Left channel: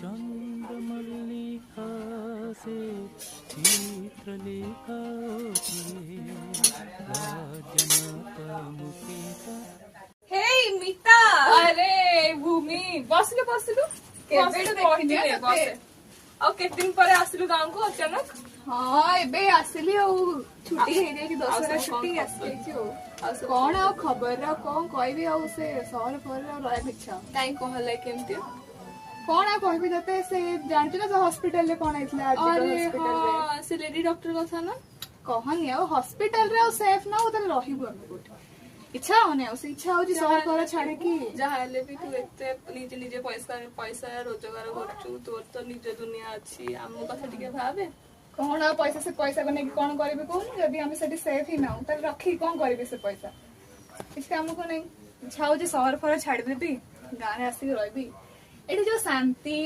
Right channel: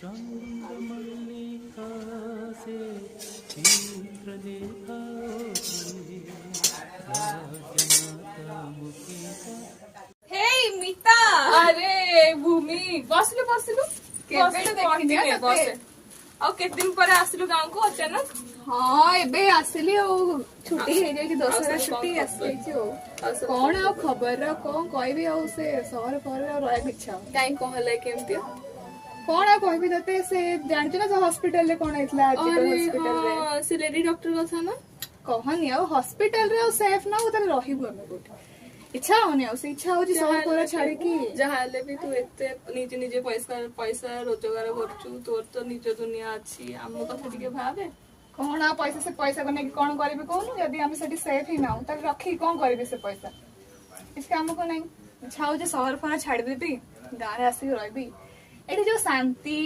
चंद्रमल्लिका से चित्रलेखा हे मिता अरे भूमि बसलु बसलु ଆଉ କେତେ ଦିନ ପରେ ଆସିଲୁ ଗାଁକୁ ଅଚାନକ। हाँ एबे आसली छुट्टी हो जाए 10 छुट्टी आसी कौन आ खबर कौन कहबी आ से सहर पर रहा इच्छा କାଇଁ कहले केमती कौन आ कहबी तते से जानती ना हॉस्पिटल रे कौन हेतला हॉस्पिटल रे से लेडी डॉक्टर कथा ना कहनी आ हॉस्पिटल रे सेफ ना उधर रहिबो हम कोठी इच्छा होने से इच्छा हो सहर पर छाड़े की जहाँ हेले भी तू एते निजे निजे पैसा रोजगार करचु तोर तो निज दुनिया अछि हमो कथा टिके भाबे कौन आ पैसा से पैसा को नहीं कौन करेबे कौन यदि हम सेठी सेफ ही ना त रखी कौन करेबे से पैसा इसके हमको नहीं इच्छा हो सहर फर छाड़ देबी गाँव आसी रहबी एठी जो शांति